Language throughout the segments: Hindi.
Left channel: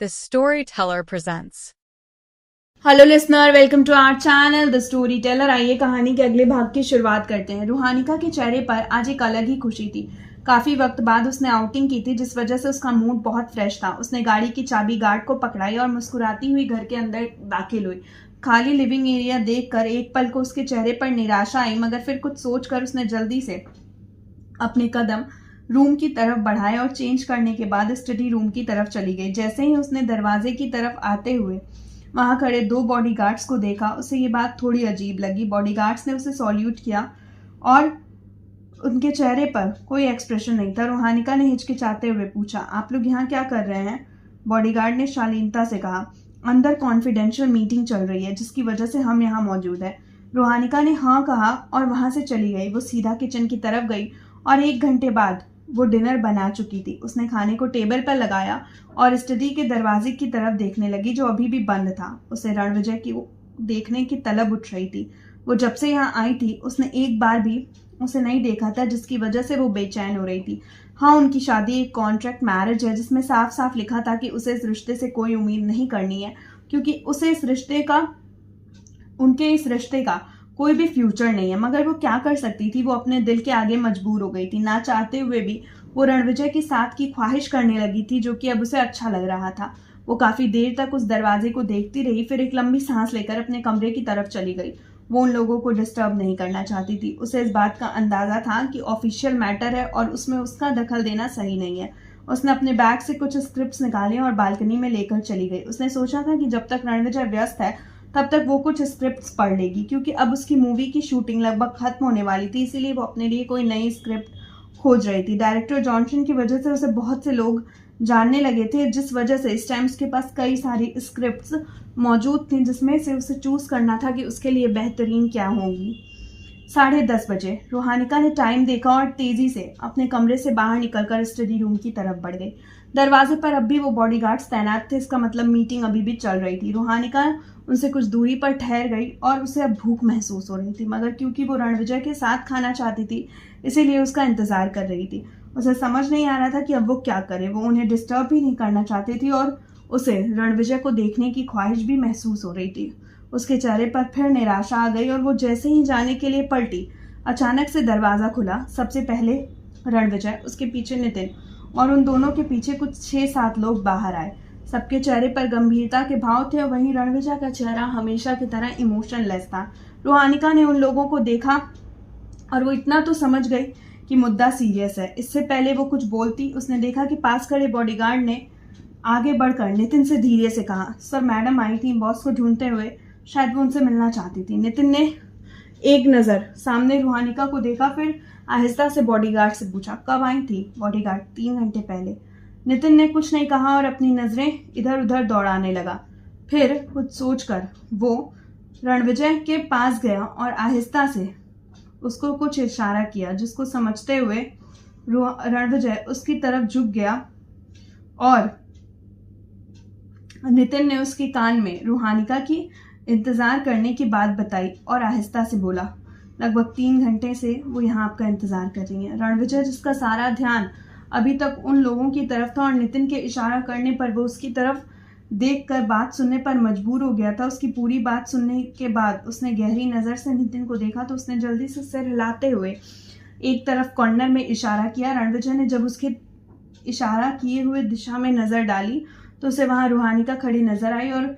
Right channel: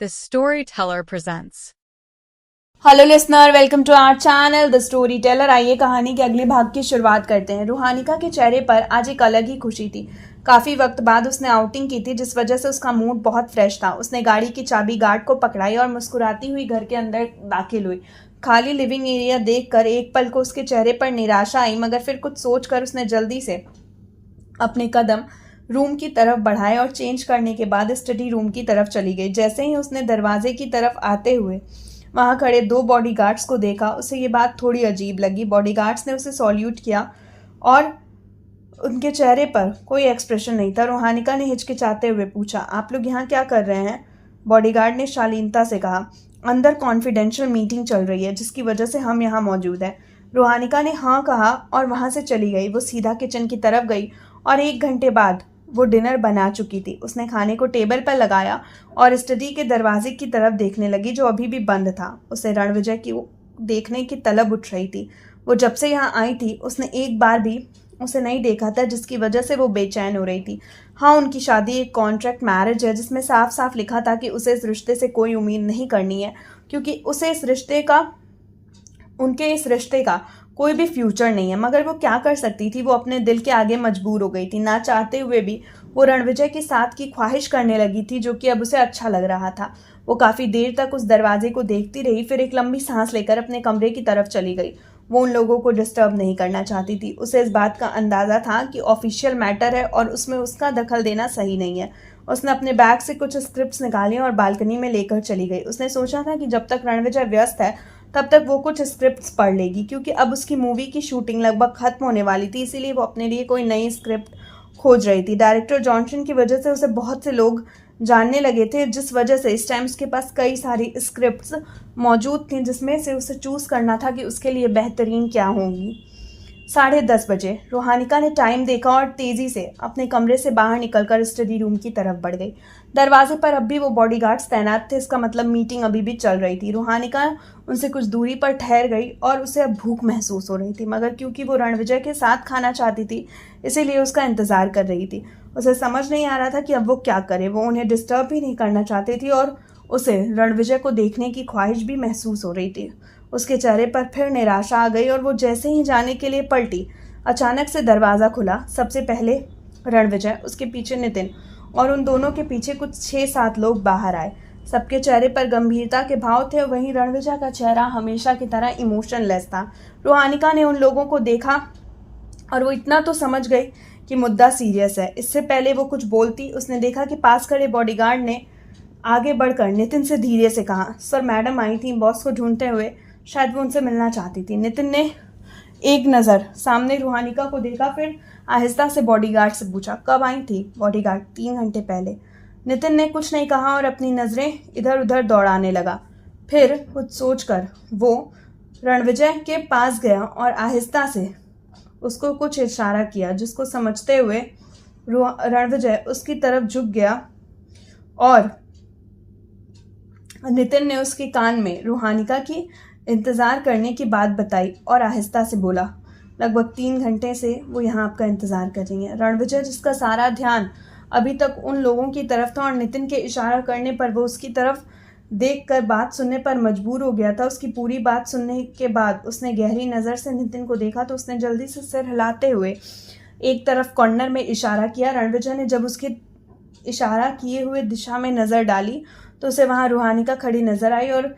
The Storyteller presents. Hello listener, welcome to our channel the storyteller. आइए कहानी के अगले भाग की शुरुआत करते हैं। रूहानिका के चेहरे पर आज एक अलग ही खुशी थी। काफी वक्त बाद उसने आउटिंग की थी, जिस वजह से उसका मूड बहुत फ्रेश था। उसने गाड़ी की चाबी गार्ड को पकड़ाई और मुस्कुराती हुई घर के अंदर दाखिल हुई। खाली लिविंग एरिया देखकर एक पल को उसके चेहरे पर निराशा आई, मगर फिर कुछ सोचकर उसने जल्दी से अपने कदम रूम की तरफ बढ़ाए और चेंज करने के बाद स्टडी रूम की तरफ चली गई। जैसे ही उसने दरवाजे की तरफ आते हुए वहां खड़े दो बॉडीगार्ड्स को देखा, उसे ये बात थोड़ी अजीब लगी। बॉडीगार्ड्स ने उसे सॉल्यूट किया और उनके चेहरे पर कोई एक्सप्रेशन नहीं था। रोहानिका ने हिचकिचाते हुए पूछा, आप लोग यहाँ क्या कर रहे हैं? बॉडीगार्ड ने शालीनता से कहा, अंदर कॉन्फिडेंशियल मीटिंग चल रही है, जिसकी वजह से हम यहाँ मौजूद हैं। रोहानिका ने हाँ कहा और वहां से चली गई। वो सीधा किचन की तरफ गई और 1 घंटे बाद वो डिनर बना चुकी थी। उसने खाने को टेबल पर लगाया और स्टडी के दरवाजे की तरफ देखने लगी, जो अभी भी बंद था। उसे रणविजय की देखने की तलब उठ रही थी। वो जब से यहाँ आई थी उसने एक बार भी उसे नहीं देखा था, जिसकी वजह से वो बेचैन हो रही थी। हाँ, उनकी शादी एक कॉन्ट्रैक्ट मैरिज है, जिसमें साफ साफ लिखा था कि उसे इस रिश्ते से कोई उम्मीद नहीं करनी है, क्योंकि उनके इस रिश्ते का कोई भी फ्यूचर नहीं है। मगर वो क्या कर सकती थी? वो अपने दिल के आगे मजबूर हो गई थी। ना चाहते हुए भी वो रणविजय के साथ की ख्वाहिश करने लगी थी, जो कि अब उसे अच्छा लग रहा था। वो काफी देर तक उस दरवाजे को देखती रही, फिर एक लंबी सांस लेकर अपने कमरे की तरफ चली गई। वो उन लोगों को डिस्टर्ब नहीं करना चाहती थी। उसे इस बात का अंदाजा था कि ऑफिशियल मैटर है और उसमें उसका दखल देना सही नहीं है। उसने अपने बैग से कुछ स्क्रिप्ट्स निकाले और बालकनी में लेकर चली गई। उसने सोचा था कि जब तक रणविजय व्यस्त है तब तक वो कुछ स्क्रिप्ट्स पढ़ लेगी, क्योंकि अब उसकी मूवी की शूटिंग लगभग खत्म होने वाली थी। इसीलिए वो अपने लिए कोई नई स्क्रिप्ट खोज रही थी। डायरेक्टर जॉनसन की वजह से उसे बहुत से लोग जानने लगे थे, जिस वजह से इस टाइम उसके पास कई सारी स्क्रिप्ट्स मौजूद थी, जिसमें से उसे चूज करना था कि उसके लिए बेहतरीन क्या होंगी। 10:30 बजे रोहानिका ने टाइम देखा और तेजी से अपने कमरे से बाहर निकलकर स्टडी रूम की तरफ बढ़ गई। दरवाजे पर अब भी वो बॉडीगार्ड्स तैनात थे, इसका मतलब मीटिंग अभी भी चल रही थी। रोहानिका उनसे कुछ दूरी पर ठहर गई और उसे अब भूख महसूस हो रही थी, मगर क्योंकि वो रणविजय के साथ खाना चाहती थी, इसीलिए उसका इंतजार कर रही थी। उसे समझ नहीं आ रहा था कि अब वो क्या करे। वो उन्हें डिस्टर्ब भी नहीं करना चाहती थी और उसे रणविजय को देखने की ख्वाहिश भी महसूस हो रही थी। उसके चेहरे पर फिर निराशा आ गई और वो जैसे ही जाने के लिए पलटी, अचानक से दरवाज़ा खुला। सबसे पहले रणविजय, उसके पीछे नितिन और उन दोनों के पीछे कुछ 6-7 लोग बाहर आए। सबके चेहरे पर गंभीरता के भाव थे। वहीं रणविजय का चेहरा हमेशा की तरह इमोशनलेस था। रोहानिका ने उन लोगों को देखा और वो इतना तो समझ गई कि मुद्दा सीरियस है। इससे पहले वो कुछ बोलती, उसने देखा कि पास खड़े बॉडीगार्ड ने आगे बढ़कर नितिन से धीरे से कहा, सर मैडम आई थी बॉस को ढूंढते हुए, शायद वो उनसे मिलना चाहती थी। नितिन ने एक नज़र सामने रूहानिका को देखा, फिर आहिस्ता से बॉडीगार्ड से पूछा, कब आई थी? बॉडीगार्ड, 3 घंटे पहले। नितिन ने कुछ नहीं कहा और अपनी नज़रें इधर उधर दौड़ाने लगा। फिर कुछ सोचकर वो रणविजय के पास गया और आहिस्ता से उसको कुछ इशारा किया, जिसको समझते हुए रणविजय उसकी तरफ झुक गया और नितिन ने उसके कान में रूहानिका की इंतजार करने की बात बताई और आहिस्ता से बोला, लगभग 3 घंटे से वो यहाँ आपका इंतजार कर रही है। रणविजय, जिसका सारा ध्यान अभी तक उन लोगों की तरफ था और नितिन के इशारा करने पर वो उसकी तरफ देखकर बात सुनने पर मजबूर हो गया था, उसकी पूरी बात सुनने के बाद उसने गहरी नज़र से नितिन को देखा तो उसने जल्दी से सिर हिलाते हुए एक तरफ कॉर्नर में इशारा किया। रणविजय ने जब उसके इशारा किए हुए दिशा में नज़र डाली तो उसे वहां रूहानिका खड़ी नजर आई और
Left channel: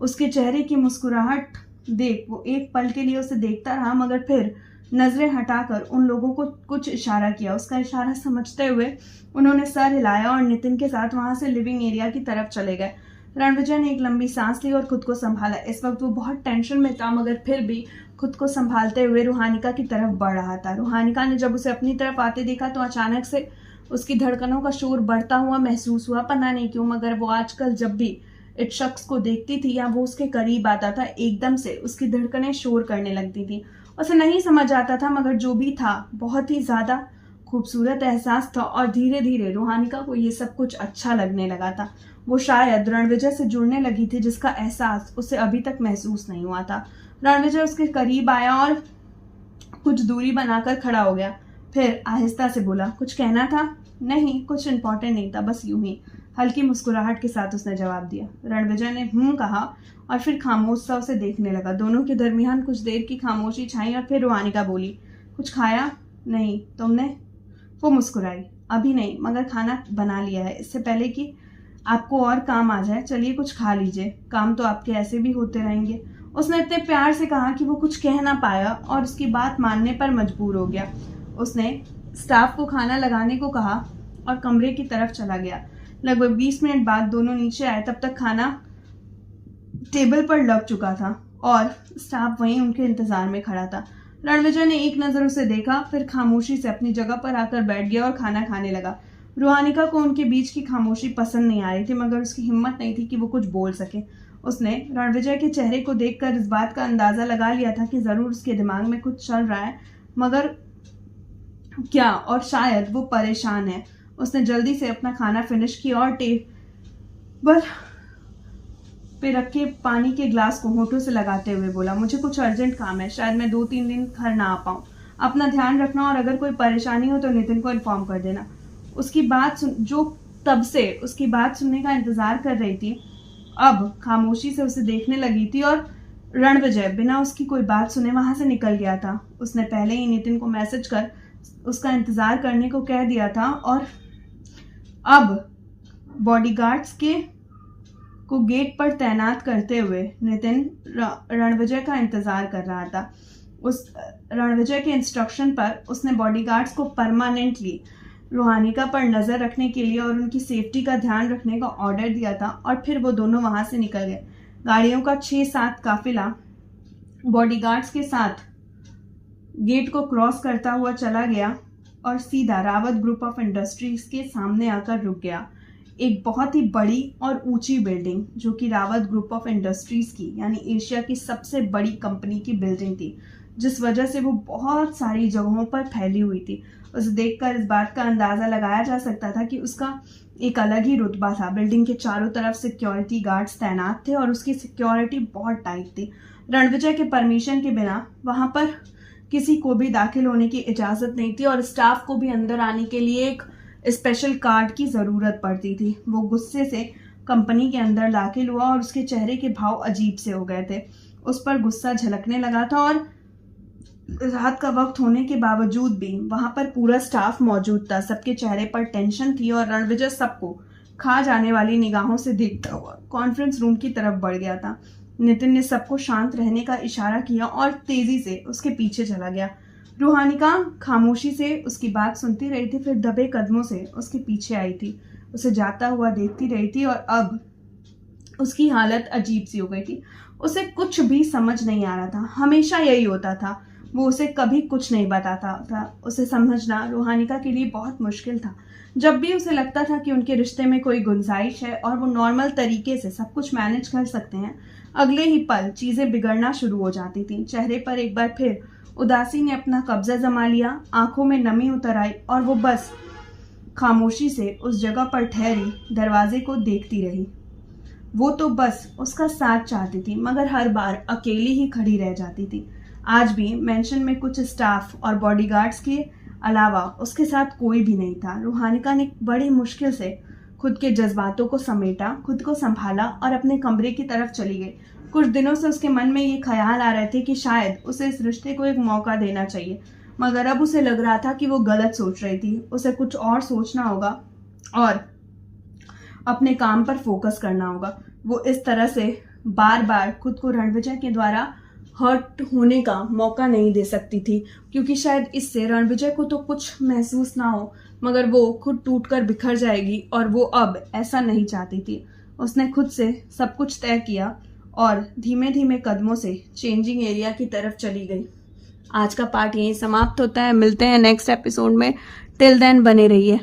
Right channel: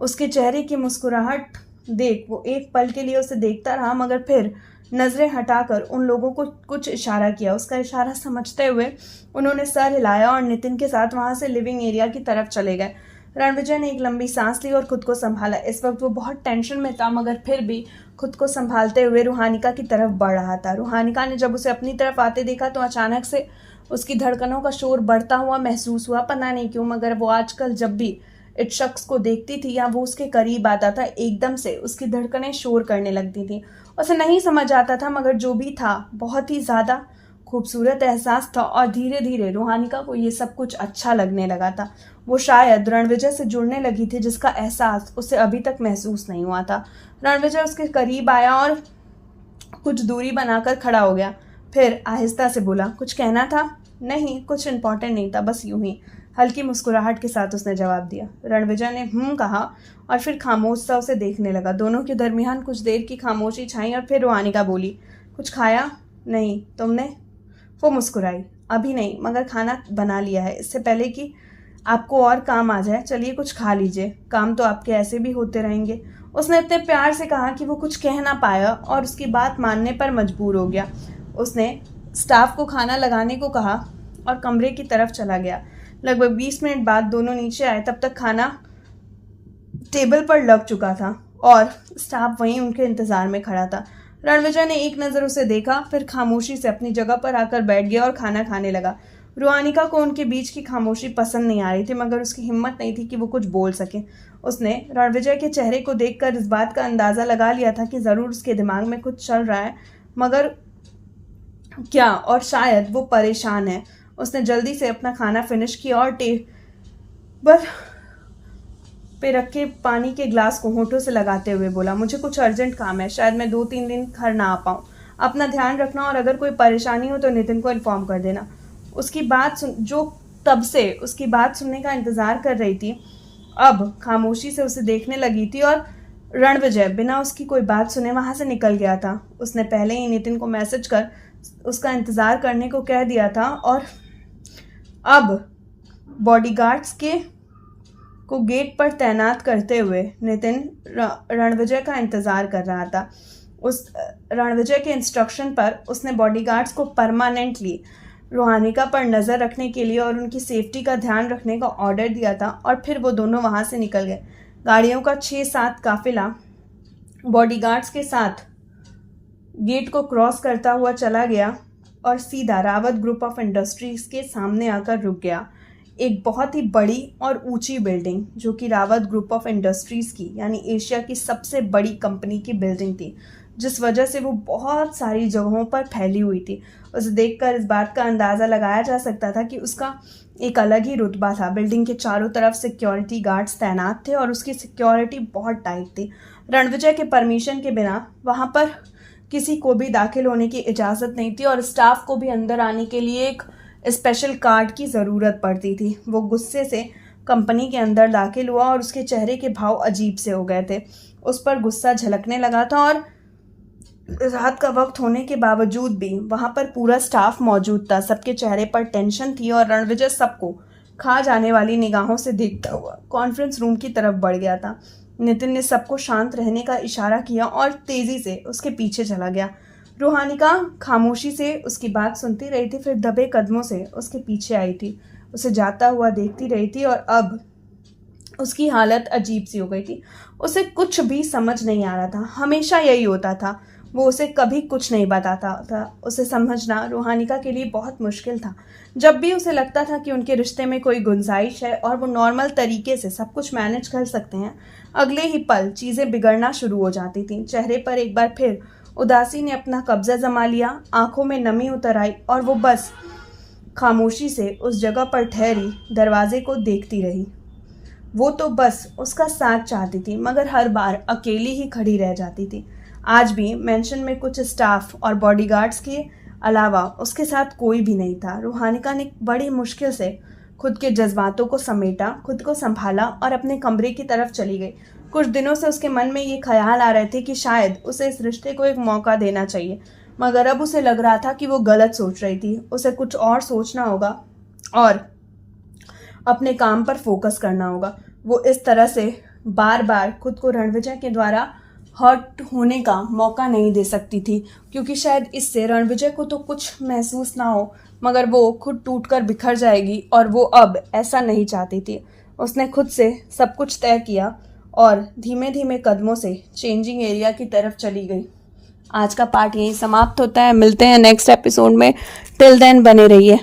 उसके चेहरे की मुस्कुराहट देख वो एक पल के लिए उसे देखता रहा, मगर फिर नजरें हटाकर उन लोगों को कुछ इशारा किया। उसका इशारा समझते हुए उन्होंने सर हिलाया और नितिन के साथ वहां से लिविंग एरिया की तरफ चले गए। रणविजय ने एक लंबी सांस ली और खुद को संभाला। इस वक्त वो बहुत टेंशन में था, मगर फिर भी खुद को संभालते हुए रूहानिका की तरफ बढ़ रहा था। रूहानिका ने जब उसे अपनी तरफ आते देखा तो अचानक से उसकी धड़कनों का शोर बढ़ता हुआ महसूस हुआ। पता नहीं क्यों, मगर वो आजकल जब भी इस शख्स को देखती थी या वो उसके करीब आता था, एकदम से उसकी धड़कनें शोर करने लगती थी। उसे नहीं समझ आता था, मगर जो भी था बहुत ही ज्यादा खूबसूरत एहसास था और धीरे धीरे रूहानिका को ये सब कुछ अच्छा लगने लगा था। वो शायद रणविजय से जुड़ने लगी थी, जिसका एहसास उसे अभी तक महसूस नहीं हुआ था। रणविजय उसके करीब आया और कुछ दूरी बनाकर खड़ा हो गया। फिर आहिस्ता से बोला, कुछ कहना था? नहीं, कुछ इम्पोर्टेंट नहीं था, बस यूं ही। हल्की मुस्कुराहट के साथ उसने जवाब दिया। रणविजय ने कहा और फिर खामोश सा उसे देखने लगा। दोनों के दरमियान कुछ देर की खामोशी छाई और फिर रूहानिका बोली, कुछ खाया? नहीं, तुमने? वो मुस्कुराई, अभी नहीं, मगर खाना बना लिया है, इससे पहले कि आपको और काम आ जाए। चलिए कुछ खा लीजिए, काम तो आपके ऐसे भी होते रहेंगे। उसने इतने प्यार से कहा कि वो कुछ कह ना पाया और उसकी बात मानने पर मजबूर हो गया। उसने स्टाफ को खाना लगाने को कहा और कमरे की तरफ चला गया। लगभग 20 मिनट बाद दोनों नीचे आए। तब तक खाना टेबल पर लग चुका था और स्टाफ वहीं उनके इंतजार में खड़ा था। रणविजय ने एक नज़र उसे देखा, फिर खामोशी से अपनी जगह पर आकर बैठ गया और खाना खाने लगा। रूहानिका को उनके बीच की खामोशी पसंद नहीं आ रही थी, मगर उसकी हिम्मत नहीं थी कि वो कुछ बोल सके। उसने रणविजय के चेहरे को देखकर इस बात का अंदाज़ा लगा लिया था कि ज़रूर उसके दिमाग में कुछ चल रहा है, मगर क्या, और शायद वो परेशान है। उसने जल्दी से अपना खाना फिनिश किया और टेबल पे रखे पानी के ग्लास को होठों से लगाते हुए बोला, मुझे कुछ अर्जेंट काम है, शायद मैं 2-3 दिन घर ना आ पाऊँ। अपना ध्यान रखना और अगर कोई परेशानी हो तो नितिन को इन्फॉर्म कर देना। उसकी बात जो तब से उसकी बात सुनने का इंतजार कर रही थी, अब खामोशी से उसे देखने लगी थी और रणविजय बिना उसकी कोई बात सुने वहां से निकल गया था। उसने पहले ही नितिन को मैसेज कर उसका इंतजार करने को कह दिया था और अब बॉडीगार्ड्स को गेट पर तैनात करते हुए नितिन रणविजय का इंतजार कर रहा था। उस रणविजय के इंस्ट्रक्शन पर उसने बॉडीगार्ड्स को परमानेंटली रूहानिका पर नज़र रखने के लिए और उनकी सेफ्टी का ध्यान रखने का ऑर्डर दिया था और फिर वो दोनों वहां से निकल गए। गाड़ियों का 6-7 काफिला बॉडीगार्ड्स के साथ गेट को क्रॉस करता हुआ चला गया और सीधा रावत ग्रुप ऑफ इंडस्ट्रीज के सामने आकर रुक गया। एक बहुत ही बड़ी और ऊंची बिल्डिंग जो कि रावत ग्रुप ऑफ इंडस्ट्रीज की यानी एशिया की सबसे बड़ी कंपनी की बिल्डिंग थी, जिस वजह से वो बहुत सारी जगहों पर फैली हुई थी। उसे देखकर इस बात का अंदाज़ा लगाया जा सकता था कि उसका एक अलग ही रुतबा था। बिल्डिंग के चारों तरफ सिक्योरिटी गार्ड्स तैनात थे और उसकी सिक्योरिटी बहुत टाइट थी। रणविजय के परमिशन के बिना वहाँ पर किसी को भी दाखिल होने की इजाज़त नहीं थी और स्टाफ को भी अंदर आने के लिए एक स्पेशल कार्ड की ज़रूरत पड़ती थी। वो गुस्से से कंपनी के अंदर दाखिल हुआ और उसके चेहरे के भाव अजीब से हो गए थे। उस पर गुस्सा झलकने लगा था और रात का वक्त होने के बावजूद भी वहां पर पूरा स्टाफ मौजूद था। सबके चेहरे पर टेंशन थी और रणविजय सबको खा जाने वाली निगाहों से देखता हुआ कॉन्फ्रेंस रूम की तरफ बढ़ गया था। नितिन ने सबको शांत रहने का इशारा किया और तेजी से उसके पीछे चला गया। रूहानिका खामोशी से उसकी बात सुनती रही थी, फिर दबे कदमों से उसके पीछे आई थी। उसे जाता हुआ देखती रही थी और अब उसकी हालत अजीब सी हो गई थी। उसे कुछ भी समझ नहीं आ रहा था। हमेशा यही होता था, वो उसे कभी कुछ नहीं बताता था। उसे समझना रूहानिका के लिए बहुत मुश्किल था। जब भी उसे लगता था कि उनके रिश्ते में कोई गुंजाइश है और वो नॉर्मल तरीके से सब कुछ मैनेज कर सकते हैं, अगले ही पल चीज़ें बिगड़ना शुरू हो जाती थीं। चेहरे पर एक बार फिर उदासी ने अपना कब्जा जमा लिया, आंखों में नमी उतर आई और वो बस खामोशी से उस जगह पर ठहरी दरवाजे को देखती रही। वो तो बस उसका साथ चाहती थी, मगर हर बार अकेली ही खड़ी रह जाती थी। आज भी मेंशन में कुछ स्टाफ और बॉडीगार्ड्स के अलावा उसके साथ कोई भी नहीं था। रूहानिका ने बड़ी मुश्किल से खुद के जज्बातों को समेटा, खुद को संभाला और अपने कमरे की तरफ चली गई। कुछ दिनों से उसके मन में ये ख्याल आ रहे थे कि शायद उसे इस रिश्ते को एक मौका देना चाहिए, मगर अब उसे लग रहा था कि वो गलत सोच रही थी। उसे कुछ और सोचना होगा और अपने काम पर फोकस करना होगा। वो इस तरह से बार बार खुद को रणविजय के द्वारा हर्ट होने का मौका नहीं दे सकती थी, क्योंकि शायद इससे रणविजय को तो कुछ महसूस ना हो, मगर वो खुद टूटकर बिखर जाएगी और वो अब ऐसा नहीं चाहती थी। उसने खुद से सब कुछ तय किया और धीमे धीमे कदमों से चेंजिंग एरिया की तरफ चली गई। आज का पार्ट यहीं समाप्त होता है। मिलते हैं नेक्स्ट एपिसोड में। टिल देन बने रहिए।